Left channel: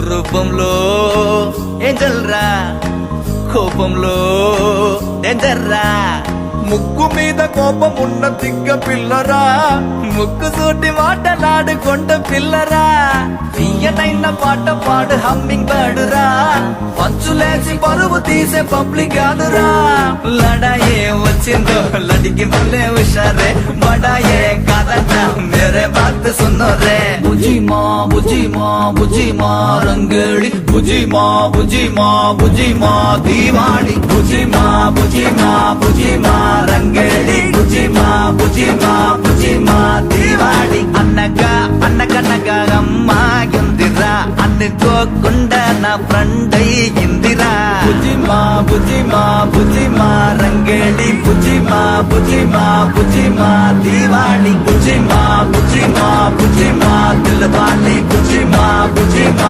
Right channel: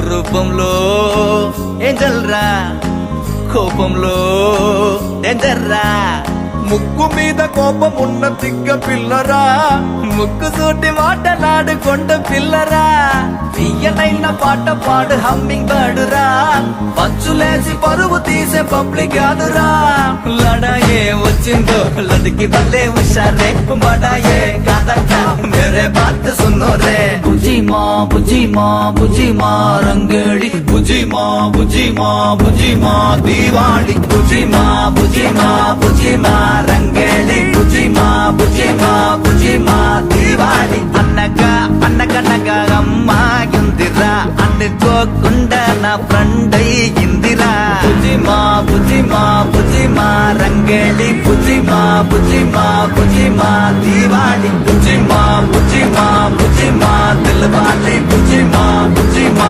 రూపంలో ఏంజల్ రా, కోపంలో డేంజర్ రా. ముక్కు మీద కోపం ఉన్న తిగ్గ పిల్లరా, ముక్కు సూటి మాటలాడుకొండ పిల్లరా. తీయనైన పాట పాడు హమ్మింగ్ బర్డురా, పంచులేసి పరువు తీసే పబ్లిక్ కాదురా. లడాయే వచ్చిందో లడికి వల్లే హుషారే, బడాయే కాదట మేరే బాత్ సున్నో రే. బుజీ మా బుజీ మా బుజీ మా రంగేళి, బుజీ మా బుజీ మా బుజీ మా దీవాళి. బుజీ మా బుజీ మా బుజీ మా రంగేళి, బుజీ మా బుజీ మా బుజీ మా దీవాళి. అన్నగా అన్నగనగా అమ్మాయిందిరా, అనుకోకుండా నా ఫ్రెండ్ అయ్యిందిరా. బుజీ మా బుజీ మా బుజీ మా రంగేళి, బుజీ మా బుజీ మా బుజీ మా దీవాళి. బుజీ మా